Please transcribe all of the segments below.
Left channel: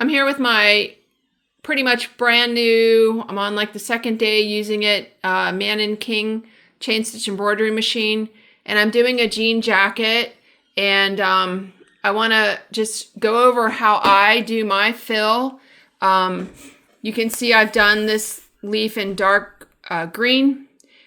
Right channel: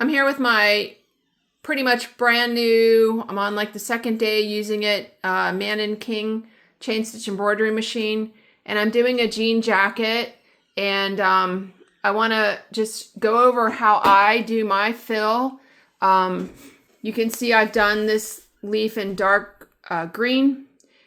I'm here with my pretty much brand new, I'm on like the second day using it, Mannan King Chain Stitch embroidery machine. And I'm doing a jean jacket. And I want to just go over how I do my fill. You can see I've done this leaf in dark green.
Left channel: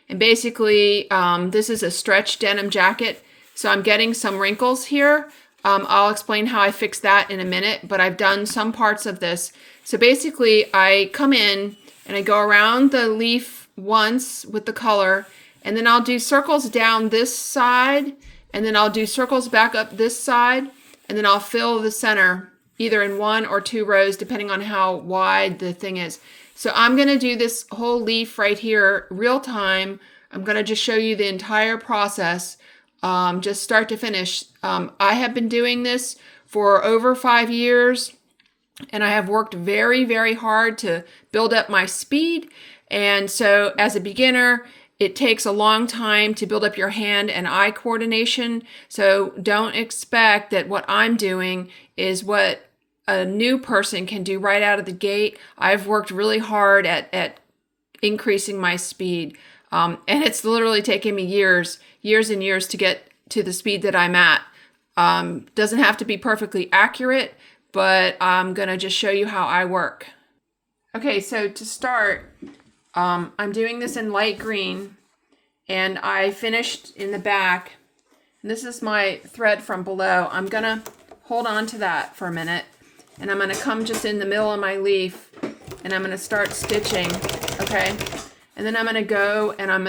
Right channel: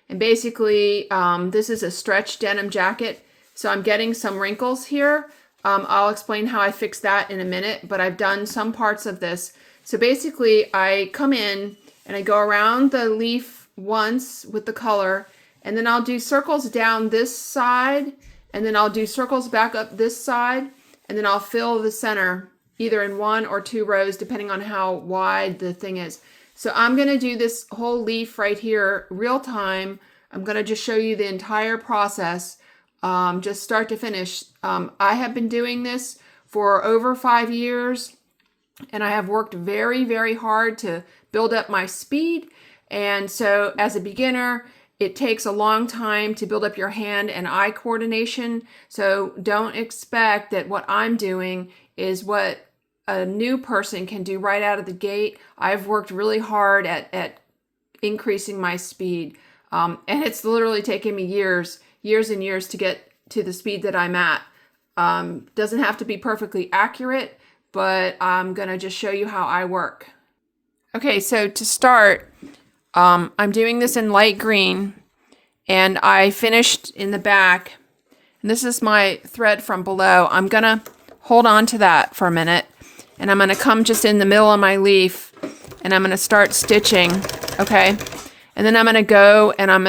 And basically, this is a stretch denim jacket. So I'm getting some wrinkles here. I'll explain how I fix that in a minute, but I've done some parts of this. So basically, I come in and I go around the leaf once with the color, and then I'll do circles down this side, and then I'll do circles back up this side, and then I'll fill the center either in 1 or 2 rows, depending on how wide the thing is. So I'm going to do this whole leaf right here real time. I'm going to just show you the entire process. Just start to finish. I have been doing this for over 5 years, and I have worked very, very hard to build up my speed. And so as a beginner, it takes a long time to build up your hand and eye coordination. So don't expect that what I'm doing is what a new person can do right out of the gate. I've worked really hard at increasing my speed. And it's literally taken me years and years to get to the speed that I'm at. Doesn't have to be perfectly accurate, but I'm gonna just show you how I work. Okay, so to start, I'm doing this in light green, and I finished in the back. And this is my thread from below. I'm gonna hold on to that for a minute, and I'm gonna come just in the middle of my leaf, and I'm gonna start stitching, okay? And then I'm gonna go and I'm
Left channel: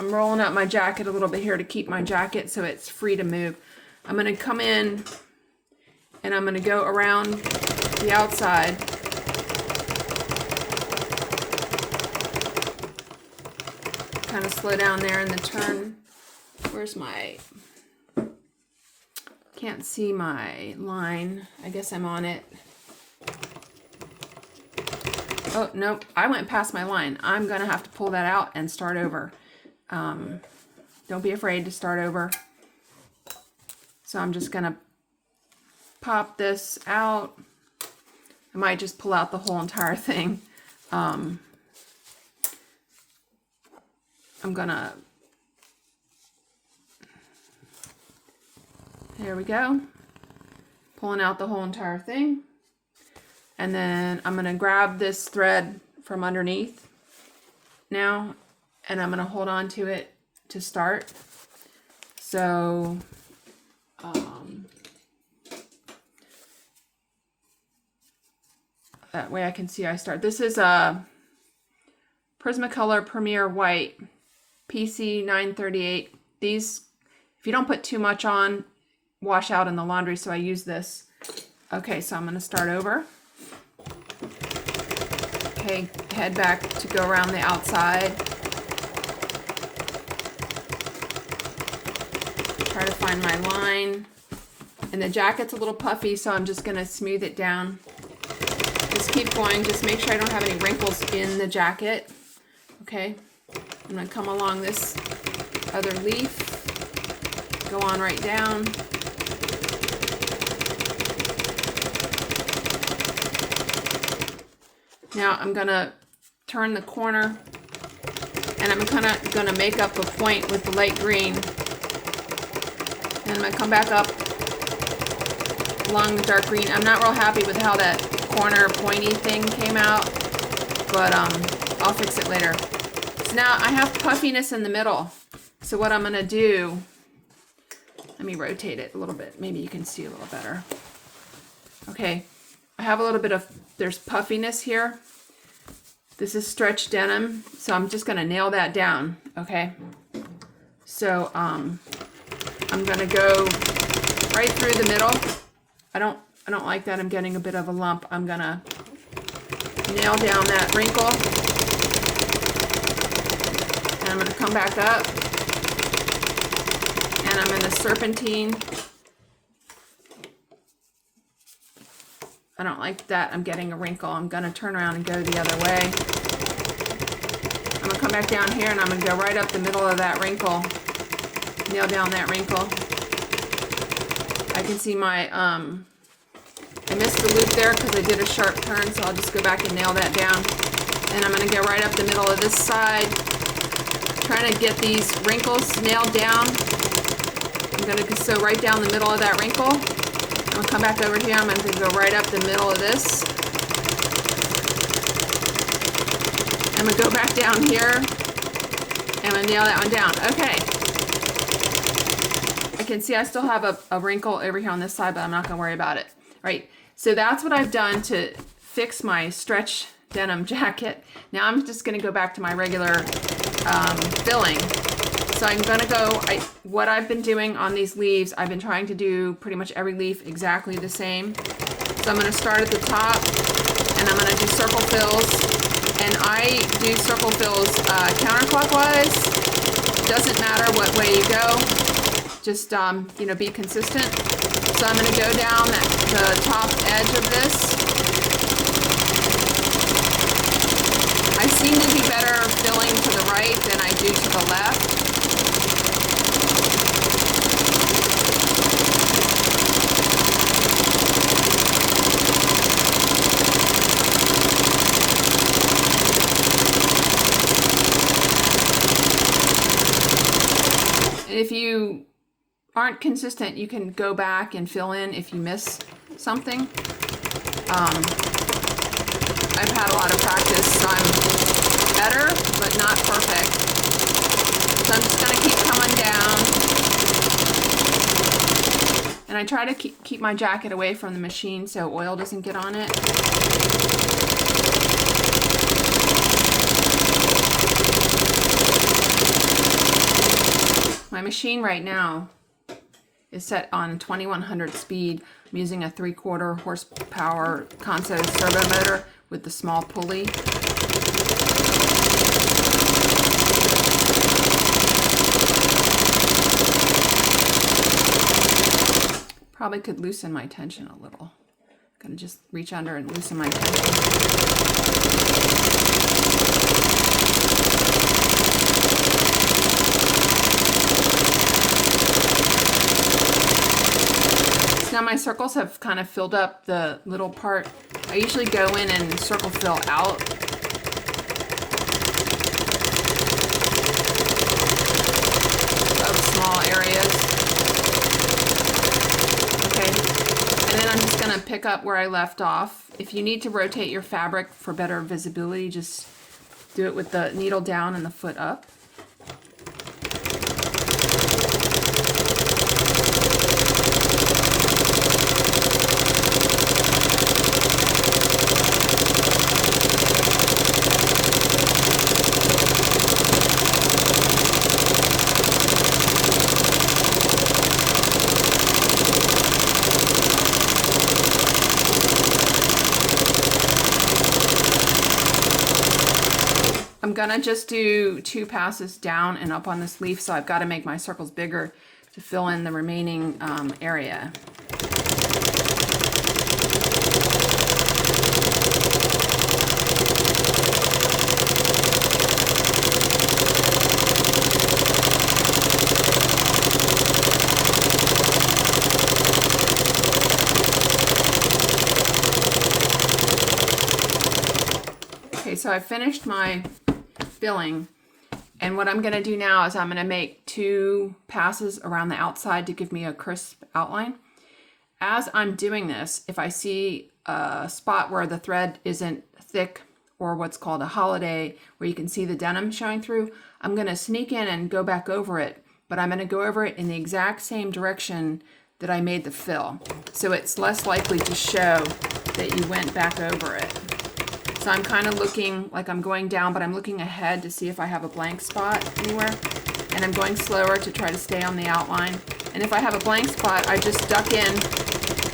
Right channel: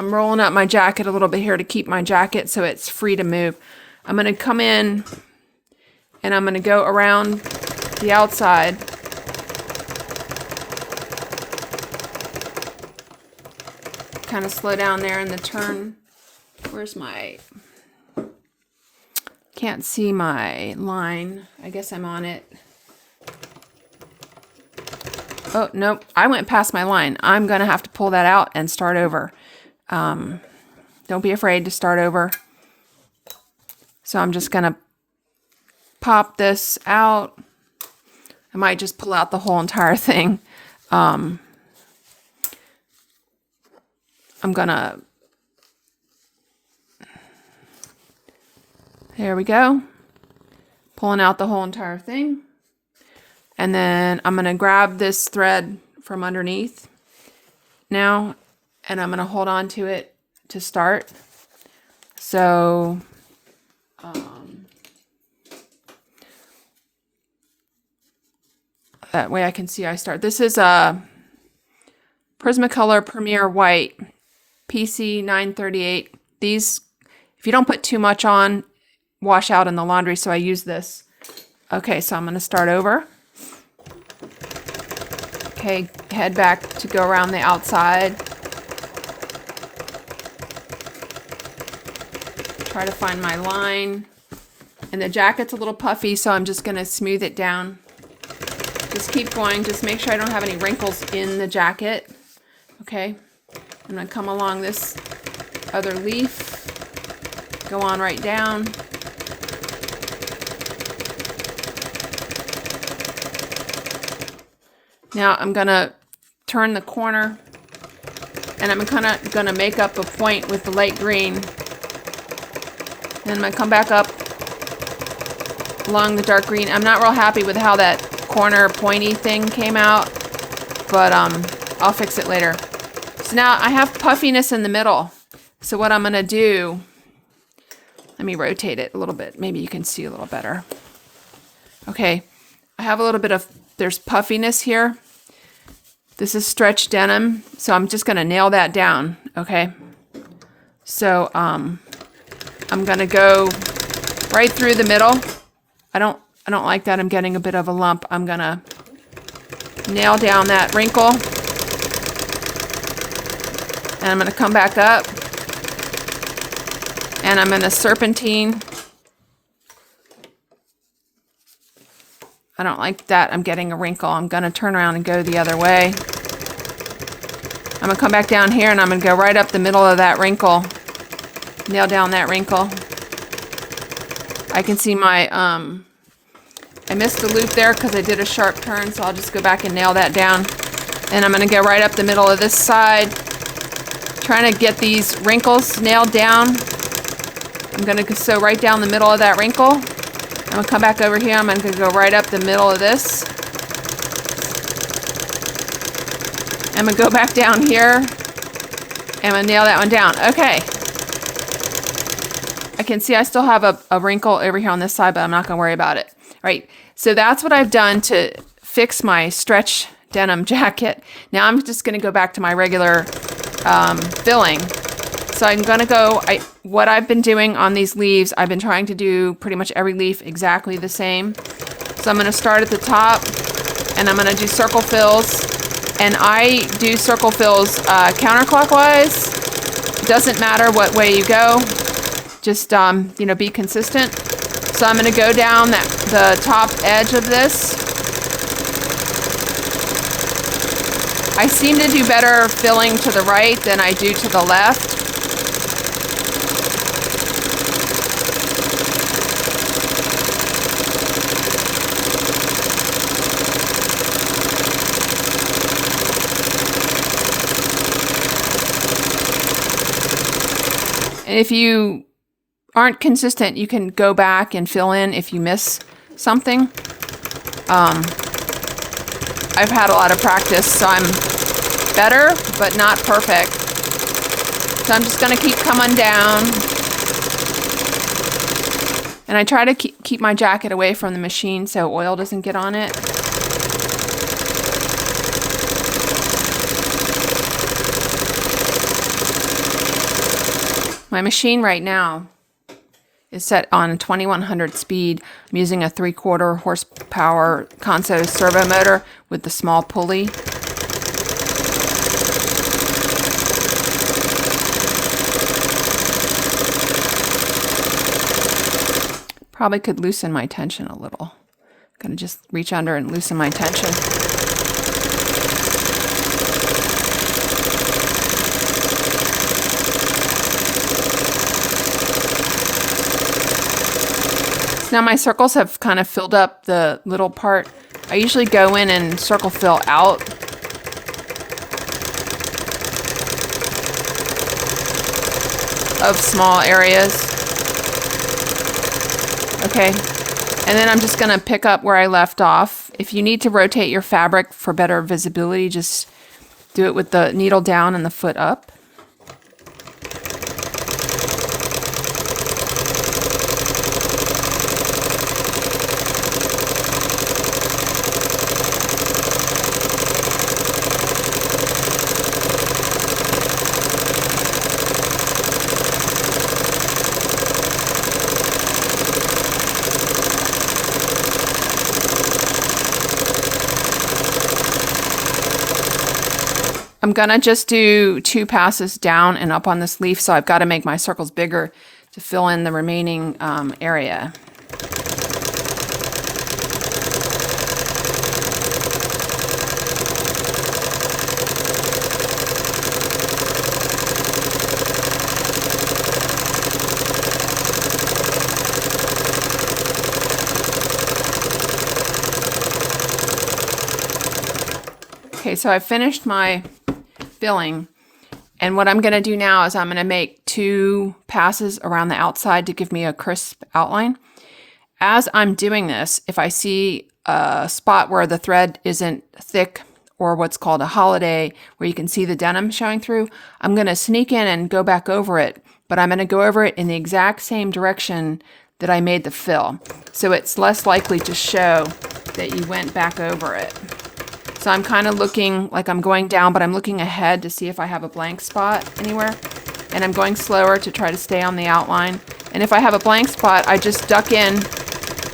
rolling up my jacket a little bit here to keep my jacket so it's free to move. I'm gonna come in and I'm gonna go around the outside. Kind of slow down there in the turn. Where's my, can't see my line. I guess I'm on it. Oh, nope, I went past my line. I'm gonna have to pull that out and start over. Don't be afraid to start over. So I'm just gonna pop this out. I might just pull out the whole entire thing. I'm gonna, there we go. Pulling out the whole entire thing. And then I'm gonna grab this thread from underneath now, and I'm gonna hold on to it to start. So, that way I can see I start. This is a Prismacolor Premier White PC 938. These, if you don't put too much on, wash out in the laundry, so I use this. Okay, so I'm gonna start over. Okay, head back to go around the outside. Try to find my line. And the jacket's a little puffy, so I'm just gonna smooth it down. Just keep going, just make sure I don't have any wrinkles in the jacket. Okay, I'm gonna come along this other leaf, go on right down. Now I'm gonna turn the corner, and I'm gonna make up a point with the light green. And I'm gonna come back up along the dark green. I'm not real happy with how that corner pointy thing came out, but I'll fix it later. So now I have puffiness in the middle. So what I'm gonna do, let me rotate it a little bit. Maybe you can see a little better. Okay, I have a little bit of, there's puffiness here. This is stretch denim, so I'm just gonna nail that down, okay? So I'm gonna go right through the middle. I don't like that. I'm getting a bit of a lump. I'm gonna nail down that wrinkle, and I'm gonna come back up, and I'm gonna serpentine. I don't like that. I'm getting a wrinkle. I'm gonna turn around and go the other way. I'm gonna come back down here, and I'm gonna go right up the middle of that wrinkle. Nail down that wrinkle. I can see my I missed the loop there because I did a sharp turn, so I'll just go back and nail that down. And I'm going to go right up the middle of this side, trying to get these wrinkles nailed down. I'm going to sew right down the middle of that wrinkle. I'm going to come back over here. I'm going to go right up the middle of this. I'm going to go back down here. And I'm going to nail that one down. Okay. I can see I still have a wrinkle over here on this side, but I'm not going to worry about it. All right. So that's what I've done to fix my stretch denim jacket. Now I'm just going to go back to my regular filling. So I'm going to go, what I've been doing on these leaves, I've been trying to do pretty much every leaf exactly the same. So I'm going to start at the top and I'm going to do circle fills. And I do circle fills counterclockwise. Doesn't matter what way you go. Just, you know, be consistent. So I'm going to go down the top edge of this. I seem to do better filling to the right than I do to the left. And if you aren't consistent, you can go back and fill in if you miss something. I've had a lot of practice, so I'm better, but not perfect. So I'm just going to keep coming down. And I try to keep my jacket away from the machine so oil doesn't get on it. My machine right now is set on 2100 speed. I'm using a 3/4 horsepower Conso servo motor with the small pulley. Probably could loosen my tension a little. I'm gonna just reach under and loosen my tension. Now my circles have kind of filled up the little part. I usually go in and circle fill out. Of small areas. Okay, and then I'm just gonna pick up where I left off. If you need to rotate your fabric for better visibility, just do it with the needle down and the foot up. I'm gonna just do 2 passes down and up on this leaf, so I've got to make my circles bigger to fill in the remaining area. Okay, so I finished my filling, and what I'm going to do now is I'm going to make 2 passes around the outside to give me a crisp outline. As I'm doing this, if I see a spot where the thread isn't thick, or what's called a holiday, where you can see the denim showing through, I'm going to sneak in and go back over it, but I'm going to go over it in the exact same direction that I made the fill, so it's less likely to show that you went back over it. So I'm kind of looking like I'm going down, but I'm looking ahead to see if I have a blank spot anywhere. And I'm going slower to try to stay on the outline. And if I have a blank spot, I just duck in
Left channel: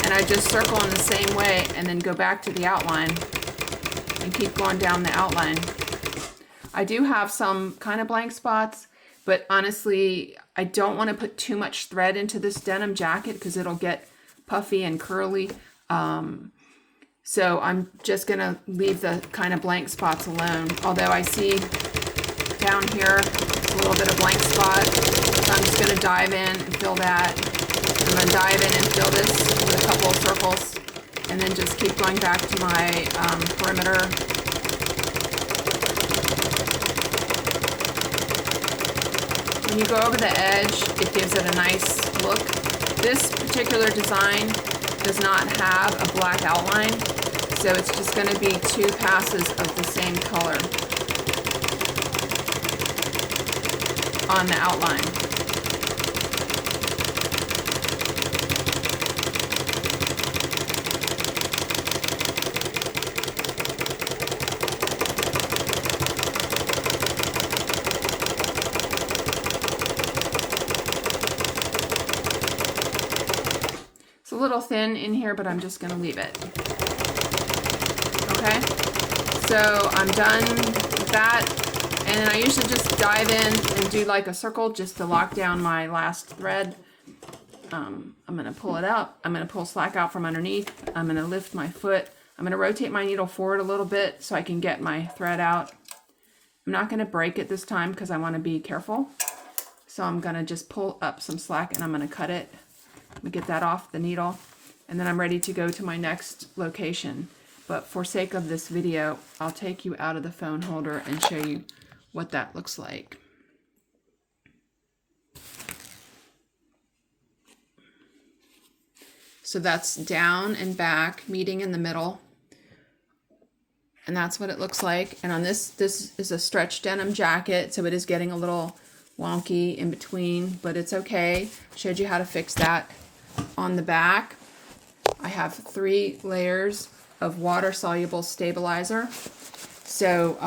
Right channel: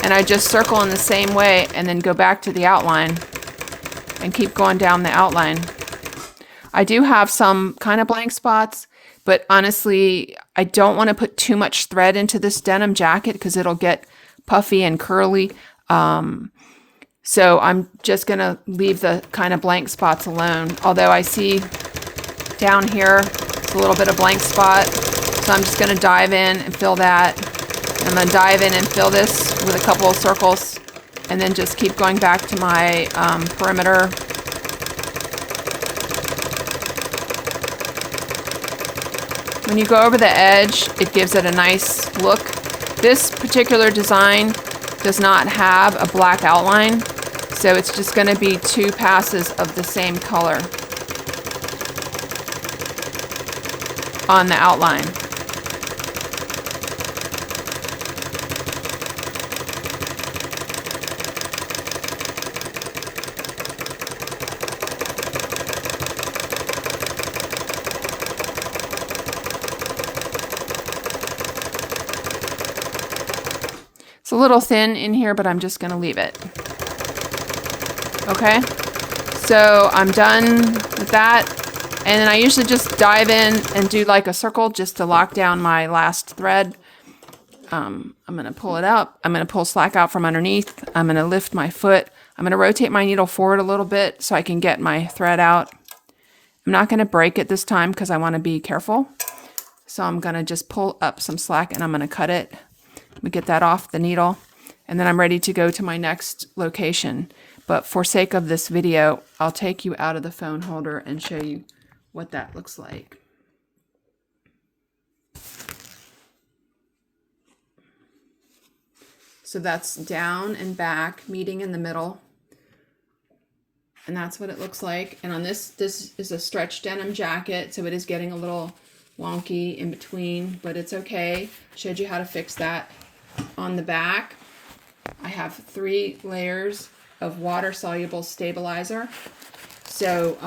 and I just circle in the same way and then go back to the outline and keep going down the outline. I do have some kind of blank spots, but honestly, I don't want to put too much thread into this denim jacket because it'll get puffy and curly. So I'm just going to leave the kind of blank spots alone. Although I see down here, it's a little bit of blank spot. So I'm just going to dive in and fill that. And then dive in and fill this with a couple of circles. and then just keep going back to my perimeter. When you go over the edge, it gives it a nice look. This particular design does not have a black outline, so it's just going to be 2 passes of the same color on the outline. It's a little thin in here, but I'm just going to leave it. Okay, so I'm done with that. And then I usually just dive in and do like a circle just to lock down my last thread. I'm going to pull it out. I'm going to pull slack out from underneath. I'm going to lift my foot. I'm going to rotate my needle forward a little bit so I can get my thread out. I'm not going to break it this time because I want to be careful. So I'm going to just pull up some slack and I'm going to cut it. Let me get that off the needle. And then I'm ready to go to my next location. But for sake of this video, I'll take you out of the phone holder and show you what that looks like. So that's down and back, meeting in the middle. And that's what it looks like. And on this is a stretch denim jacket, so it is getting a little wonky in between, but it's okay. Showed you how to fix that. On the back, I have 3 layers of water-soluble stabilizer. So,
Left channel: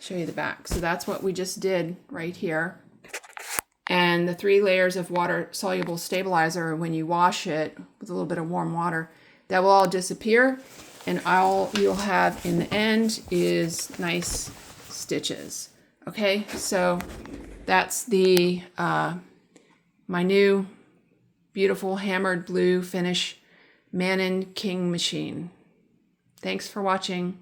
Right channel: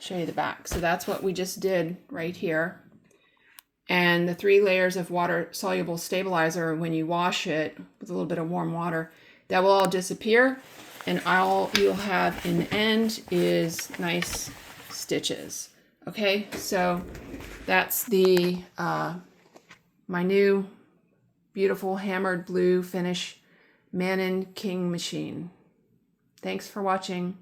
show you the back. So that's what we just did right here. And the 3 layers of water-soluble stabilizer, when you wash it with a little bit of warm water, that will all disappear. And all you'll have in the end is nice stitches. Okay, so that's the my new beautiful hammered blue finish Mannan King machine. Thanks for watching.